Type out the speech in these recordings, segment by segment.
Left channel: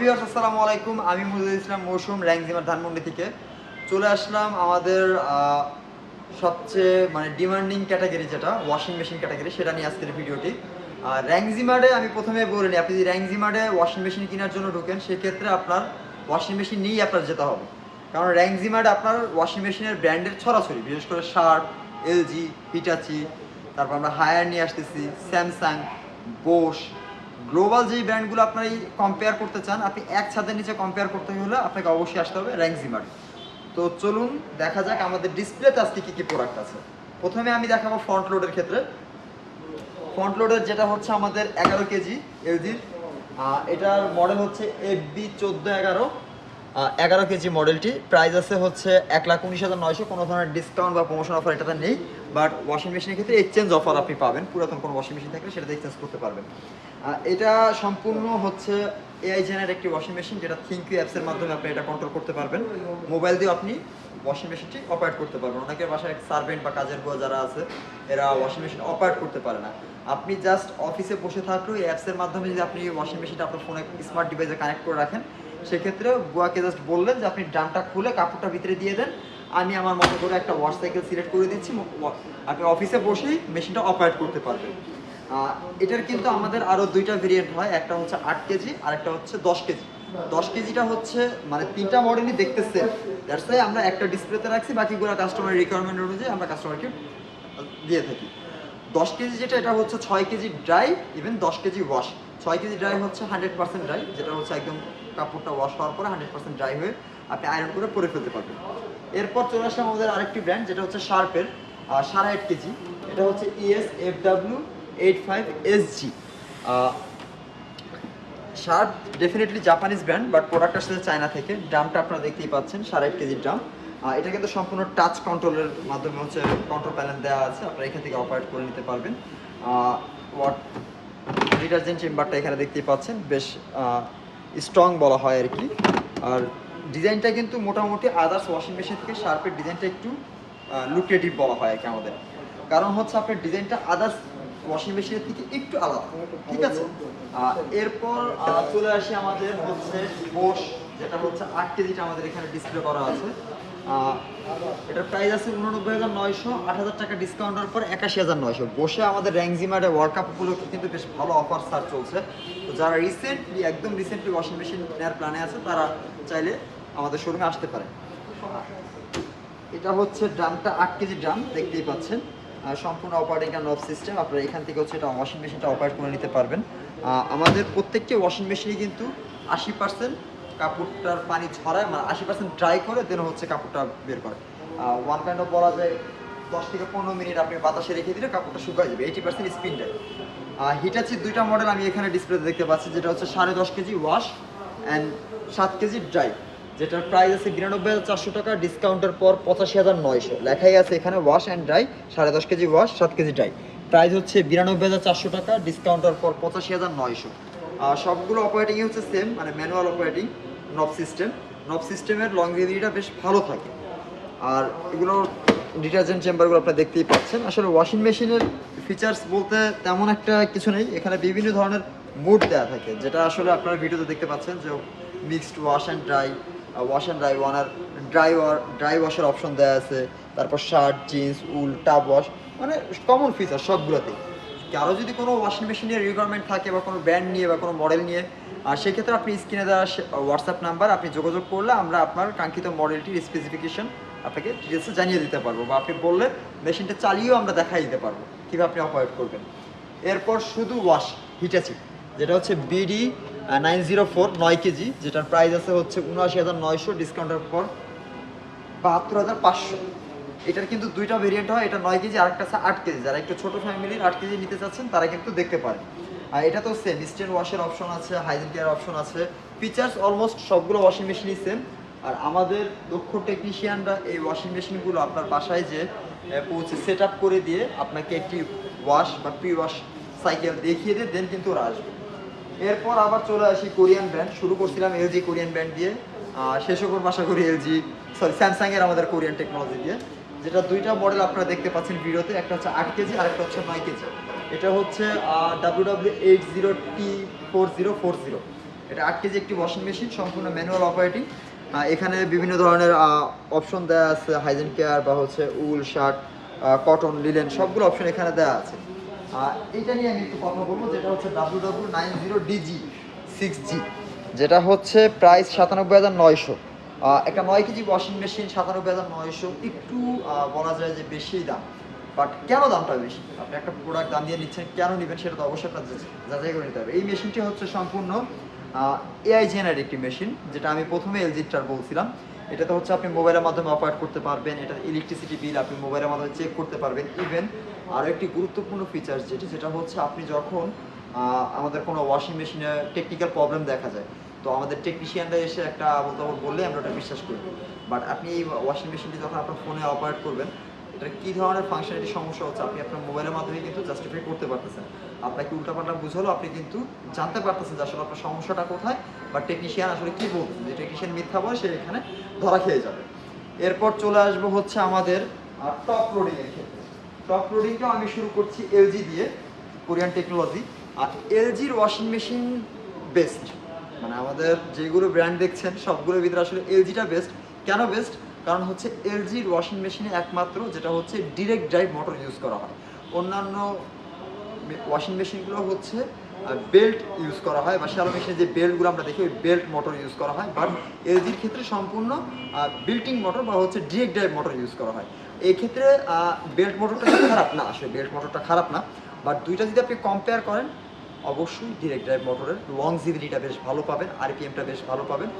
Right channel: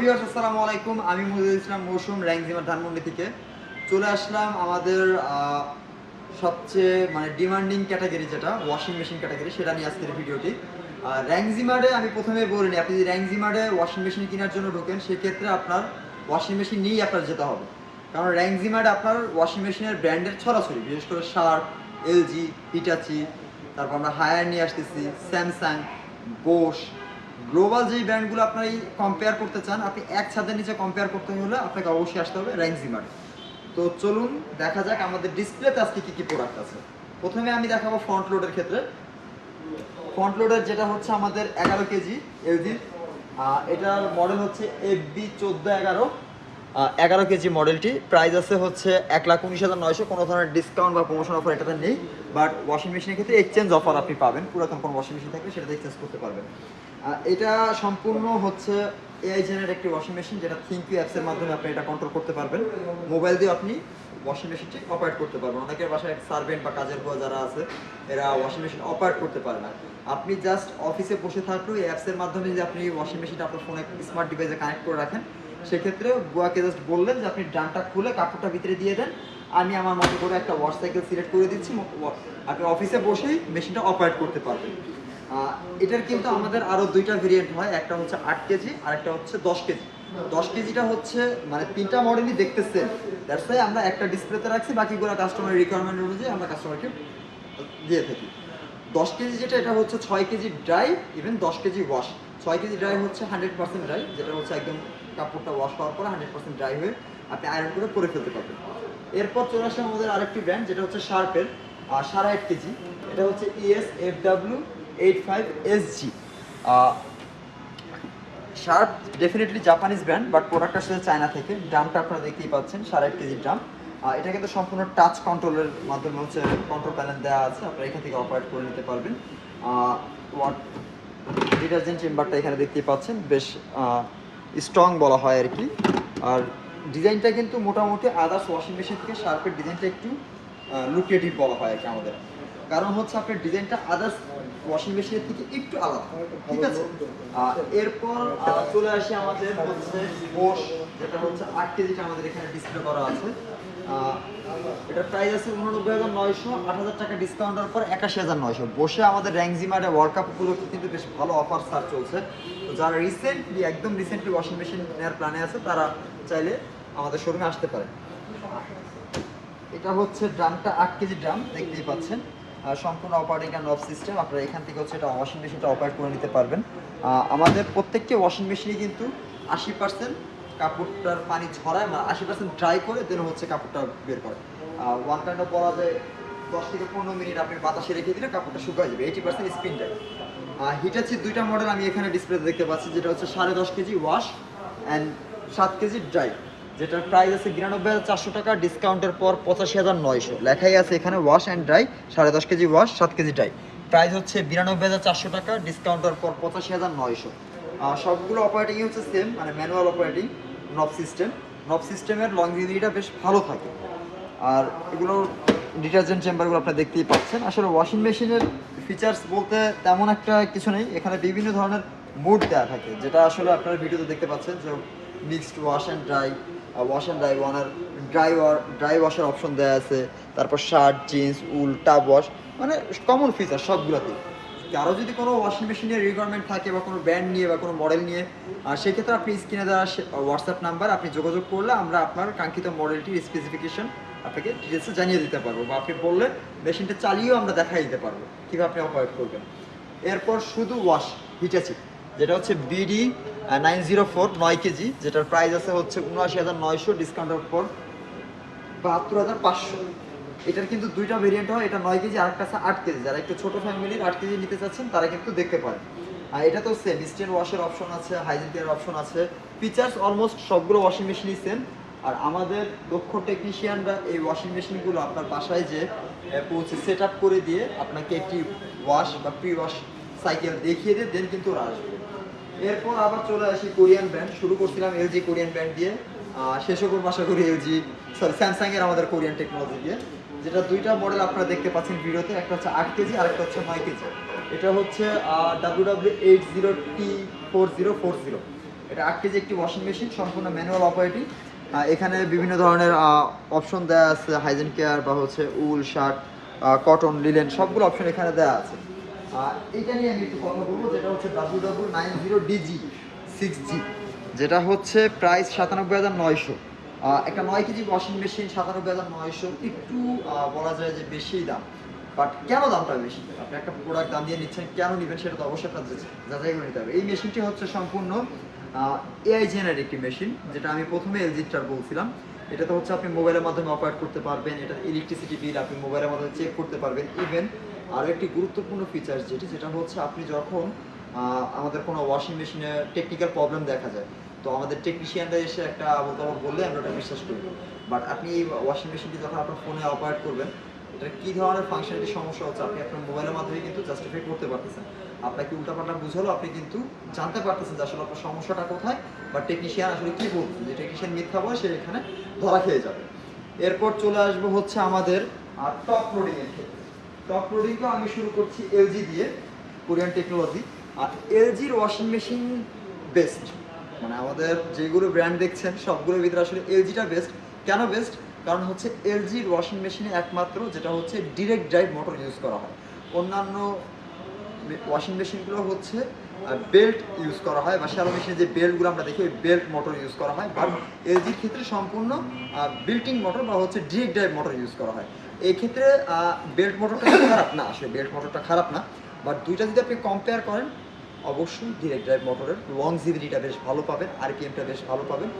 Viewers, আসসালামু আলাইকুম। আমি মুজিবুল ইসলাম মৌসুম, র্যাংজিমার ধানমন্ডি থেকে চলে আসলাম আমাদের সবচেয়ে ডিমান্ডিং ক্যাটাগরি, যেটা ওয়াশিং মেশিন ক্যাটাগরি, সেটা নিয়ে আজকের ভিডিওটি। র্যাংজিমার্ডে আমি প্রথমে বলে নিই, আপনি যদি র্যাংজিমার্ডে ওয়াশিং মেশিন কেনার জন্য ঢোকেন, সেক্ষেত্রে আপনার ওয়াশিং মেশিন নিয়েই আপনার যেতে হবে। কারণ র্যাংজিমার্ডে আপনার ওয়াশিং মেশিনের ব্র্যান্ডের ছড়াছড়ি, বিশেষ করে শার্প, এলজি, হিটাচি, তারপর আমরা হায়ার নিয়ে আসতেছি, স্যামসাং, বোস, গ্লোবাল যেই ব্র্যান্ডগুলো আপনারা কম্পেয়ার করতে চান, আপনি এক ছাদের নিচে কম্পেয়ার করতে হলে আপনাকে অবশ্যই আসতে হবে র্যাংজিমার্ড। তো চলুন দেখা যাক আমাদের ডিসপ্লেতে আজকে কী কী প্রোডাক্ট আছে। প্রথমে আমি দেখাবো ফ্রন্ট লোডের ক্ষেত্রে। ফ্রন্ট লোডের যেটা হচ্ছে আমাদের 11 কেজি এলজির, এটার মডেল হচ্ছে FB1411, 11 কেজি মডেলটি। প্রাইস আছে হচ্ছে 1,19,900। কোনো ধরনের ডিসকাউন্ট বা প্রমোশন অফার এটাতে নেই, বাট ওয়াশিং মেশিনের ক্ষেত্রে এক্সচেঞ্জ অফার আপনি পাবেন। পুরাতন কোনো ওয়াশিং মেশিন থাকলে সেটাতে এক্সচেঞ্জ করতে পারবেন। এটা সম্পূর্ণ হচ্ছে এআই জেনের একটি ওয়াশিং মেশিন, যেটা থিঙ্কিউ অ্যাপসের মাধ্যমে আপনি এটা কন্ট্রোল করতে পারবেন। মোবাইল দিয়ে আপনি ওয়াশিং মেশিনটি অপারেট করতে পারবেন। অনেকের বাসায় সার্ভেন্ট বা কাজের বুয়া যারা আছে, এরা ওয়াশিং মেশিন অপারেট করতে পারে না। আপনি জাস্ট অফিসে বসে থাকলেও এই অ্যাপসের মাধ্যমে যদি আপনি ওয়াশিং মেশিনটা আপনার ফোনে স্মার্ট ডিভাইসে কানেক্ট করে রাখেন, সেক্ষেত্রে বুয়াকে জাস্ট বললেন যে আপনি ড্রামটা খুলে কাপড়টা ভিতরে দিয়ে দেন, আমি আমার মতো করে একটা ওয়াশ সাইকেল সিলেক্ট করে দিচ্ছি, আপনি অফিসে বসেই মেশিনটা অপারেট করতে পারবেন। এটার কিন্তু আমাদের আরও দুইটা ভেরিয়েন্ট হয়, একটা হচ্ছে 8 কেজি আর একটা হচ্ছে 10 কেজি। 10 কেজিটা হচ্ছে তিনটা মডেলই দেখতে সেম, দ্যাটস ওয়াই আমরা একটা ডিসপ্লেতে রাখছি, বাকিগুলো কাস্টমারের রিকোয়ারমেন্ট অনুযায়ী আমরা কাস্টমারকে দিয়ে থাকি। 10 কেজি যেটা, এটা হচ্ছে 6 KG dry, even 10 KG wash. 6 KG dry হচ্ছে 100% ড্রাই, যেটা হচ্ছে একদম কাপড়টা ওয়াশ হওয়ার পরে 100% ড্রাই হয়ে আপনি আয়রন করে পরে ফেলতে পারবেন। এরপর চলে আসলাম আমাদের আরেকটি ব্র্যান্ড, যেটা হচ্ছে শার্পের 8.5 কেজি। এটা হচ্ছে ESFW85SG। Sharp definitely Japanese brand, but product আসলে চায়না থেকে। ড্রামটা আপনারা দেখতেই পাচ্ছেন, 8.5 কেজির ড্রাম। এটা কিন্তু সম্পূর্ণ টাচ কন্ট্রোলের মাধ্যমে হচ্ছে কন্ট্রোল প্যানেল দেওয়া আছে, আপনারা এখান থেকে অপারেট করে নিতে পারবেন। ডিটারজেন্ট চেম্বারটা এখানে দেখতেই পাচ্ছেন, বেশ স্ট্রং বলা হয় আর কি। আর ডিজাইনটা কিন্তু মোটামুটি আদার্স ওয়াশিং মেশিন থেকে শার্পের ডিজাইনটা একটু লুক্রেটিভ বলা হয় আর কি আমাদের, কারণ হচ্ছে আপনার ডিজাইনটা আদার্স ওয়াশিং মেশিনের থেকে একটু আলাদা, ঠিক আছে। এরপর চলে আসি আমাদের হচ্ছে বোস, যেটা হচ্ছে 8 কেজিটা আমাদের এখানে ডিসপ্লে করা আছে। এটার প্রাইস আছে 89,900, 8,000 টাকা ডিসকাউন্টের পর 81,900। বসে আমাদের র্যাংজিমার্ডে ওয়ার্ল্ড কাপ উপলক্ষে কিন্তু বেশ ভালো অফার সার চলছে। তো যারা একদম রিসেন্টলি ওয়াশিং মেশিন নেওয়ার প্ল্যানে আছে, তারা চাইলে আমাদের শোরুমে আসতে পারে। এটা হচ্ছে ড্রামটা 8 কেজি ড্রাম, দেখতেই পাচ্ছেন, সম্পূর্ণ অপারেটিং অ্যান্ড অফ সিস্টেম। আপনারা এখান থেকে হচ্ছে এটা ওয়াশিং মেশিনটা অপারেট করে নিতে পারবেন। আমাদের প্রত্যেকটি ওয়াশিং মেশিনে কিন্তু 80% কাপড়টার পানি ঝরায়, 80% ড্রাই করে দেন হচ্ছে কাপড়টা বের করে। ওয়ান কাইন্ড অফ বলা যায় 10 থেকে 15 মিনিট আপনি বাতাসে রেখে দিলে কাপড়টা শুকায় যাবে। 80% স্পিন ড্রাই। হিটাচির দুইটা মডেল আমি এখানে ডিসপ্লেতে দেখতে পাচ্ছি, যেটা হচ্ছে 10.5 KG wash and 7 KG dry, যেটার প্রাইস আছে 92,400 টাকা, ডিসকাউন্টের পর 85,900। লেখাই আছে এখানে wash and dry, 10.5 KG wash, 7 KG dry. Price হচ্ছে 92,400 টাকা, ডিসকাউন্টের পর 85,900। সবগুলো অপারেটিংই হচ্ছে সেম, ম্যানুয়াল অপারেটিং, নব সিস্টেমের লংজিভিটিটা বেশ ভালো থাকে। আর এগুলোর ডিটারজেন্ট চেম্বারগুলো আপনারা দেখতেই পাচ্ছেন। আসলে ওয়াশিং মেশিনের ফিচার্স বলতে তেমন একটা কিছু নেই, এখানে বিভিন্ন ধরনের মুড দেওয়া থাকে, যেটা আসলে আপনারা ভিডিওতে দেখতে পাচ্ছেন, যে মিক্সড ওয়াশ অ্যান্ড ড্রাই ওয়ানার, ড্রাই ওয়াশের অপশন দেওয়া আছে, তারপর shirt, jeans, wool, tub wash, common feature সবগুলোতেই। কারো যদি কোনো ওয়াশিং মেশিনের রিকোয়ারমেন্ট থাকে বা কোনো ব্র্যান্ড নিয়ে বা কোনো মডেল নিয়ে, সেক্ষেত্রে আপনি স্ক্রিনে দেওয়া হোয়াটসঅ্যাপ নাম্বার আপনি যোগাযোগ করলে আমরা আপনার কাঙ্ক্ষিত মডেলটির স্পেসিফিকেশন আপনাকে ডিটেলসে জানিয়ে দিতে পারবো, বা আপনি বললে মেশিনটা চালিয়েও আমরা দেখাই দিতে পারবো কীভাবে আপনি অপারেট করবেন। এরপর শুধু ওয়াশ হিটাচি, যেটা হচ্ছে BD 904, 9 কেজি, যেটার প্রাইস আছে হচ্ছে 79,900, ডিসকাউন্টের পর 72,500। এটার কিন্তু দুইটা ভেরিয়েন্ট হয়, এটা 9 কেজি, আরেকটা আছে 8 কেজি। যারা একটু ছোটো ফ্যামিলির 8 কেজি নিতে চাচ্ছেন, তারা কিন্তু দেখতে পারেন। আর এটা তো সেম, ইনস্ট্যান্ট ওয়াশের অপশন আছে, হাইজিন কেয়ার অপশন আছে, ফিচার্স অলমোস্ট সবগুলো ওয়াশিং মেশিনই সেম। আর আমাদের দক্ষ টেকনিশিয়ানরা এই ওয়াশিং মেশিনগুলো আপনার বাসায় যে পৌঁছে সেট আপ করে দিয়ে আপনাকে একটি ওয়াশ বা প্রি ওয়াশ সাইকেল দেখিয়ে দিয়ে দেন কিন্তু ওরা আসবে। এরপর আবার চলে আসি কোরিয়ান ব্র্যান্ড। শুরু করছিলাম এলজি কোরিয়ান ব্র্যান্ড দিয়ে, শেষও করবো আশা করি স্যামসাংয়ের আমাদের কোরিয়ান টেকনোলজি দিয়ে। যেটা দুইটা মডেল আপনারা দেখতে পাচ্ছেন ভিডিওতে, একটা হচ্ছে 8 কেজি আর একটা হচ্ছে 9 কেজি। এটা হচ্ছে WW80T4040। এটা 8 কেজি একটি ওয়াশিং মেশিন, সম্পূর্ণ ম্যানুয়াল অপারেটিং। এখানে বিভিন্ন ধরনের অপশন দেওয়া আছে, হাইজেন কেয়ার বা হচ্ছে উল, শার্ট, কটন, লিলেন, সবগুলো অপশন এখানে দেওয়া আছে। এইটা নিয়ে আমি একটু কথা বলবো, যেটা হচ্ছে WW90DG 6G, যেটা হচ্ছে প্রাইস 97,900। একটা 9 কেজি ওয়াশিং মেশিন 97,900, একটু বলা যায় যে বেশি দাম। বাট কেন দামটা বেশি? আপনি একটা প্রোডাক্ট দাম দিয়ে নিচ্ছেন, কেন নেবেন সেটা তো অবশ্যই আপনার যাচাই করে নিতে হবে। এই মেশিনটি হচ্ছে সম্পূর্ণ এআই জেনারেট একটি মেশিন, যেটা আমি প্রথমে এলজিটার বলছিলাম। এটাতে হচ্ছে আপনি মোবাইলের মাধ্যমে অপারেট করতে পারবেন, এটা ইলেকট্রিসিটি বিল আপনি মোবাইলের মাধ্যমে চেক করতে পারবেন। ইভেন আরও একটি গুরুত্বপূর্ণ ফিচার্স যেটা হচ্ছে আপনি যখন আমাদের কোনো ওয়াশিং মেশিনে টেকনিক্যাল প্রবলেম দেখা যায়, তো আমাদের টেকনিশিয়ানরা এসে একটা বলতে বললে আমরা ওটা বিশ্বাস করি। বাট আপনি এই ওয়াশিং মেশিনটি যখন আপনার ফোনে অপারেট করবেন, এটা কী ধরনের ফাংশনালিটি সমস্যা হচ্ছে আপনি আপনার মোবাইলের মাধ্যমে কিন্তু জাস্টিফাই করতে পারতেছেন। আপনাকে উল্টাপাল্টা বুঝালো, আপনি কিন্তু জানতে পারতেছেন যে আসলে আপনার সমস্যাটা কোথায়, বা টেকনিশিয়ান আসলে কী বলছে। যে টেকনিশিয়ান মিথ্যা বলে, সে এখানে ধরা খেয়ে যাবে। এরপর চলে আসবো হচ্ছে আমাদের টপ লোডিংয়ের ক্ষেত্রে। টপ লোডিংটাও আমি শুরু করছি এলজি দিয়ে, কোরিয়ান টেকনোলজি। আর এলজির ওয়াশিং মেশিন বেস্ট, মানে আমাদের যেগুলো ব্র্যান্ড দেখছেন সবগুলোর ভিতরে আসলে এলজিটা বেস্ট। কেন বেস্ট? কারণ হচ্ছে এলজির ওয়াশিং মেশিনে একমাত্র যেটা হচ্ছে ডিরেক্ট ড্রাইভ মোটর ইউজ করা হয়। অন্যান্য ওয়াশিং মেশিনগুলো হচ্ছে বেল্ট ইউজ করা হয়, বা শ্যালো মেশিনে যে বেল্টগুলো আমরা দেখি ওই বেল্ট মোটর ইউজ করা হয়। বাট এলজির ক্ষেত্রে সম্পূর্ণ বিল্টিং মোটর বা হচ্ছে ডিরেক্ট ড্রাইভ মোটর ইউজ করা হয়। এই ক্ষেত্রে বেল্ট মোটরটা খারাপ না, আসলে বেল্ট মোটরটা খারাপ না। বাট দুইটা যদি আপনি কম্পেয়ার করেন, অবশ্যই ডিরেক্ট ড্রাইভ মোটরের লংজিভিটিটা বেশ ভালো পাবেন, আরপিএমটা বেশ ভালো পাবেন,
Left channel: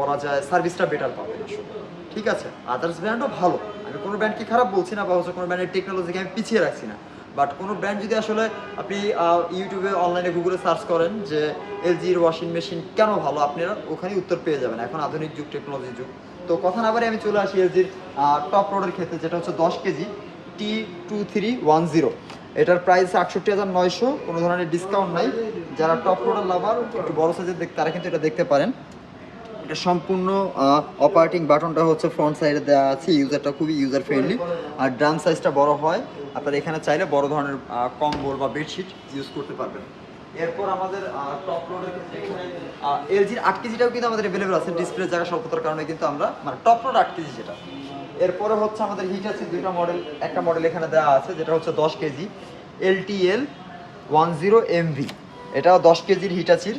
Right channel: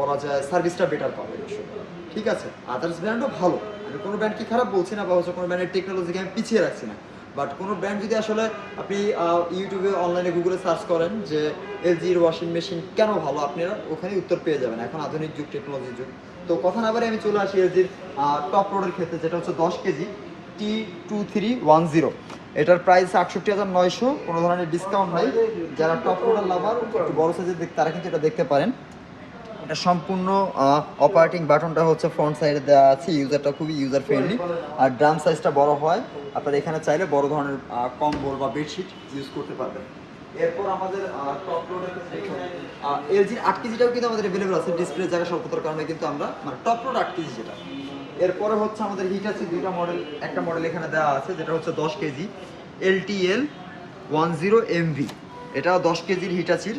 বলা যায় সার্ভিসটা বেটার পাবেন আসলে। ঠিক আছে, আদার্স ব্র্যান্ডও ভালো, আমি কোনো ব্র্যান্ডকে খারাপ বলছি না, বা হচ্ছে কোনো ব্র্যান্ডের টেকনোলজিকে আমি পিছিয়ে রাখছি না। বাট কোনো ব্র্যান্ড যদি আসলে আপনি ইউটিউবে, অনলাইনে, গুগলে সার্চ করেন যে এলজির ওয়াশিং মেশিন কেন ভালো, আপনারা ওখানে উত্তর পেয়ে যাবেন। এখন আধুনিক যুগ, টেকনোলজির যুগ। তো কথা না বারে আমি চলে আসি এলজির টপ লোডের ক্ষেত্রে, যেটা হচ্ছে 10 কেজি T2310। এটার প্রাইস 68,900, কোনো ধরনের ডিসকাউন্ট নাই। যারা টপ লোডার লাভার, একটু বড় সাইজের তারা কিন্তু এটা দেখতে পারেন। এটা সম্পূর্ণ অপারেটিং বাটনটা হচ্ছে ফ্রন্ট সাইডে দেওয়া আছে, ইউজারটা খুবই ইউজার ফ্রেন্ডলি। আর ড্রাম সাইজটা বড় হয়, আপনারা এখানে চাইলে বড় ধরনের কম্বল বা বেডশিট ইউজ করতে পারবেন। এরপর আমাদের টপ লোডের ক্ষেত্রে এখানে এলজির 8 কেজিটাও কিন্তু আমাদের অ্যাভেলেবল আছে, ডিসপ্লে জায়গা স্বল্পতার কারণে কিন্তু আমরা মানে টপ লোড 8 কেজি যেটা। এরপরে হচ্ছে আমাদের হিট আছে দুইটা মডেল, একটা মডেল এখানে দেওয়া আছে যেটা হচ্ছে 10 কেজি LTL10MV। এটাও 10 কেজির হিটাচির,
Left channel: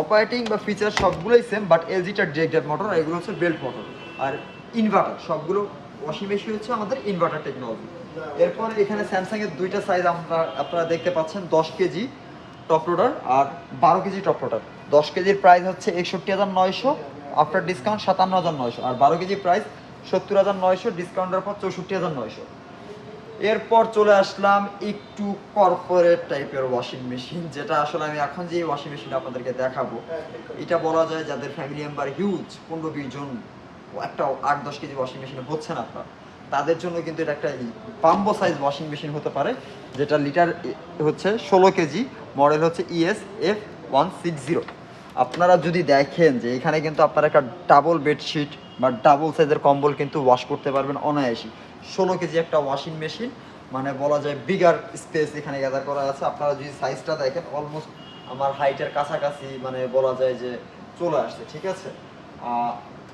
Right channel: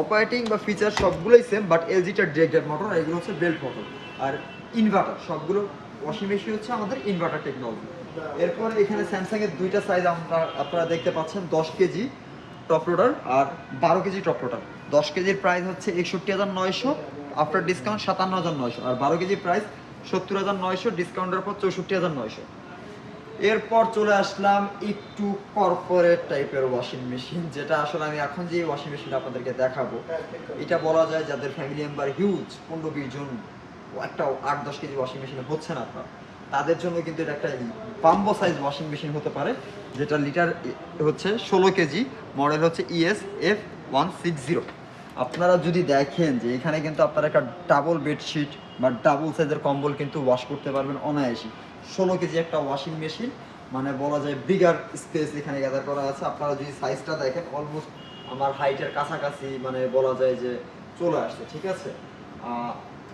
অপারেটিং বা ফিচার সবগুলোই সেম, বাট এলজিটার ডিরেক্ট মোটর, আর এগুলো হচ্ছে বেল্ট মোটর আর ইনভার্টার। সবগুলো ওয়াশিং মেশিন হচ্ছে আমাদের ইনভার্টার টেকনোলজি। এরপর এখানে স্যামসাংয়ের দুইটা সাইজ আপনারা দেখতে পাচ্ছেন, 10 কেজি টপ লোডার আর 12 কেজি টপ লোডার। 10 কেজির প্রাইস হচ্ছে 61,900, আফটার ডিসকাউন্ট 57,900, আর 12 কেজির প্রাইস 70,900, ডিসকাউন্টের পর 64,900। এরপর চলে আসলাম একটু কর্পোরেট টাইপের ওয়াশিং মেশিন, যেটা আসলে আমি এখন যে ওয়াশিং মেশিনটা আপনাদেরকে দেখাবো, এটা বলা যায় যাদের ফ্যামিলি মেম্বার হিউজ, 15-20 জন, একটা 8-10 কেজি ওয়াশিং মেশিনে হচ্ছে না আপনার, তাদের জন্য কিন্তু এটা একটা বাম্বো সাইজ ওয়াশিং মেশিন হতে পারে, যেটা লিটার হচ্ছে 16 কেজি, মডেল হচ্ছে ES-F160। আপনারা যদি দেখেন যে এখানে কিন্তু আপনারা একটা ডাবল বেডশিট বা ডাবল সাইজের কম্বল কিন্তু ওয়াশ করতে পারবেন অনায়াসই। 16 কেজি একটা ওয়াশিং মেশিন, মানে বলা যায় বিগার স্পেস এখানে গ্যাদার করা আছে। আপনারা যদি সাইজটা দেখেন, অলমোস্ট আমার হাইটের কাছাকাছি, মানে বলা যায় যে চলে আসছে। ঠিক আছে,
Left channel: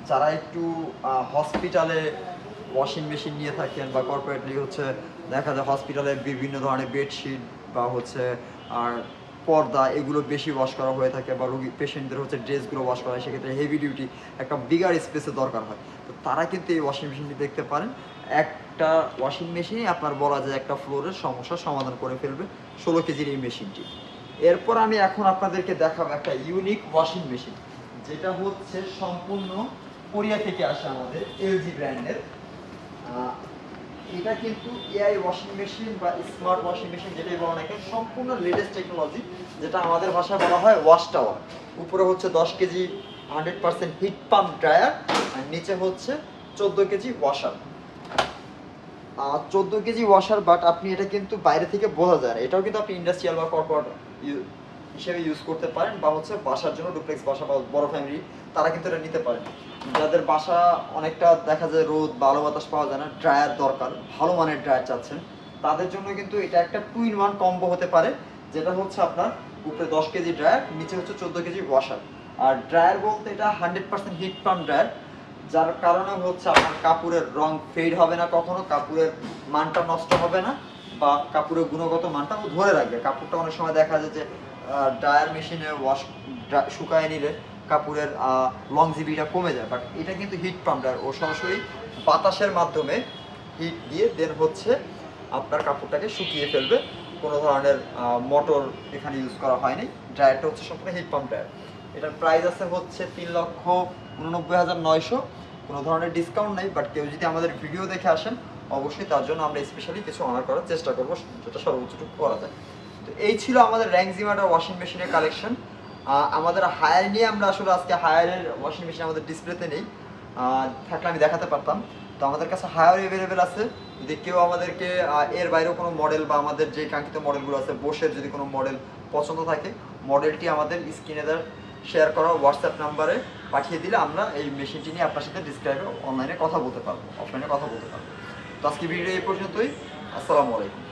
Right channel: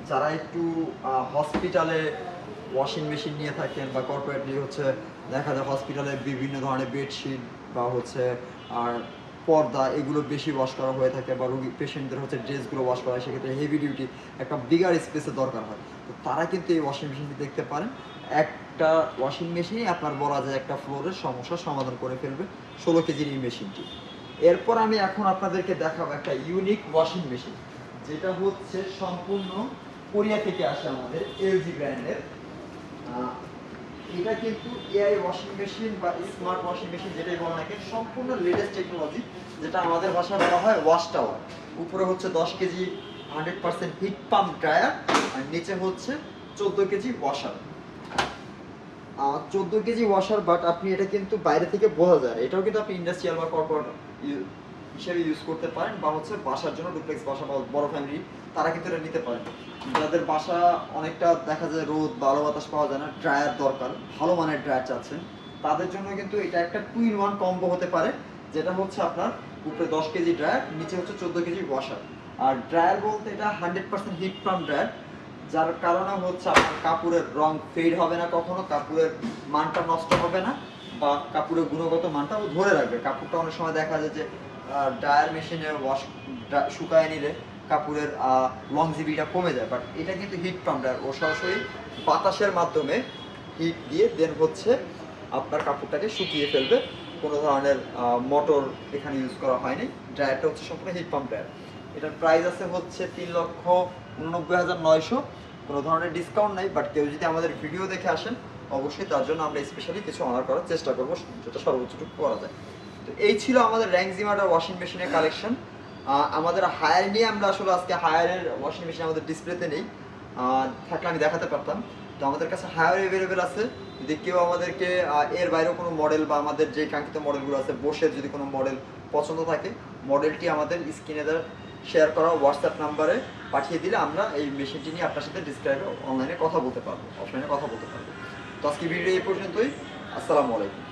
যারা একটু হসপিটালে ওয়াশিং মেশিন নিয়ে থাকেন, বা কর্পোরেটলি হচ্ছে দেখা যায় হসপিটালে বিভিন্ন ধরনের বেডশিট বা হচ্ছে আর পর্দা, এগুলো বেশি ওয়াশ করা হয়ে থাকে, বা রোগী পেশেন্টদের হচ্ছে ড্রেসগুলো ওয়াশ করা হয়, সেক্ষেত্রে হেভি ডিউটি একটা বিগার স্পেসের দরকার হয়। তো তারা কিন্তু এই ওয়াশিং মেশিনটি দেখতে পারেন। একটা ওয়াশিং মেশিনই আপনার বলা যায় একটা ফ্লোরের সমস্যার সমাধান করে ফেলবে, 16 কেজির এই মেশিনটি। এরপর আমি এখন আপনাদেরকে দেখাবো একটা ইউনিক ওয়াশিং মেশিন, যেটা হচ্ছে সম্পূর্ণ কোরিয়া থেকে আসে, আমাদের এলজি ব্র্যান্ডের। এটা কিন্তু এআই ওয়াশিং মেশিন বা স্মার্ট ওয়াশিং মেশিন যেটাই বলা নাকি, সম্পূর্ণ লেটেস্ট টেকনোলজি, যেটা আমাদের ভাষায় বলা হয় ওয়াশ টাওয়ার। উপরে হচ্ছে 10 কেজি 100% হিট পাম্প ড্রায়ার, আর নিচে হচ্ছে 14 KG washer. 14 KG washer, but আপনি এটা কিন্তু বাইরে থেকে বোঝা যায়, এটাও কিন্তু আপনি ইন্ডাস্ট্রিয়াল বা কর্পোরেট হিসেবে ইউজ করতে পারেন, বা হচ্ছে বাসার জন্য ডুপ্লেক্স বাসা বা বড় ফ্যামিলি, তারা কিন্তু এটা নিতে পারেন। যাদের বাসা অনেকটা দেখা যায় রোদ বা আলো বাতাস পাওয়া যায় না, ড্রায়ার দরকার, ভালো মানের ড্রায়ার চাচ্ছেন, তাদের জন্য কিন্তু এটা একটা 2-in-1 কম্বো হতে পারে, যেটা হচ্ছে আপনার উপরে 10 কেজি ড্রায়ার, নিচে হচ্ছে 14 কেজি ওয়াশার। আর ড্রায়ার বলতে এটা 100% হিট পাম্প ড্রায়ার, যার কারণে হচ্ছে আপনার কাপড়ের রং ফেড হবে না, কখনো কাপড়ের মানটা নষ্ট হবে না, বা কাপড়ের গুণগত মানটাও ধরে রাখবে। কাপড়টা অনেক সময় দেখা যায় যে ড্রায়ার মেশিনে ওয়াশ শুকায় নিলে কাপড়ের লংজিভিটা কমে যায়, বাট এটা কিন্তু হিট পাম্প ড্রায়ার, ও সরাসরি বাতাসের মাধ্যমে হিট দিয়ে দেন হচ্ছে আপনার কাপড়টাকে শুকিয়ে ফেলবে। কোনো ধরনের মোটর এখানে ইউজ করা হয়নি। ড্রায়ারটা হচ্ছে সম্পূর্ণ হিট পাম্প ড্রায়ার। এটার প্রাইস আছে হচ্ছে 3,89,900। কোনো ধরনের ডিসকাউন্ট নেই, বাট কেউ যদি আমাদের ভিডিও দেখে আসেন অবশ্যই তার জন্য আমরা স্পেশালি কিছু অনার করার চেষ্টা করবো, যেটা সর্বোচ্চটুকু করা যায়। তো এই ছিল আমাদের র্যাংজিমাটার ওয়াশিং মেশিনের কালেকশন। আমাদের হায়ার নিয়ে আমরা আসলে আজকে হায়ারের ওয়াশিং মেশিন আমাদের ডিসপ্লেতে নেই, থাকলে আমি দেখাতে পারতাম। তো আমাদের কাছে হায়ার অ্যাভেলেবেল আছে। যদি কেউ আমাদেরকে এর বাইরেও কোনো মডেল বা আমাদের যে কাঙ্ক্ষিত মডেলগুলো আছে বসের যদি কোনো মডেল পছন্দ থাকে, মডেলটি আমাদের স্ক্রিনে শেয়ার করা হোয়াটসঅ্যাপ নাম্বারে পাঠিয়ে দিলে আমরা এই মেশিনটি নিয়ে আপনার সাথে ডিসক্রাইবে অনলাইনে কথা বলতে পারবো, অফলাইনে কথা বলতে পারবো। তো আজকে ভিডিও এই পর্যন্তই। আসসালামু আলাইকুম।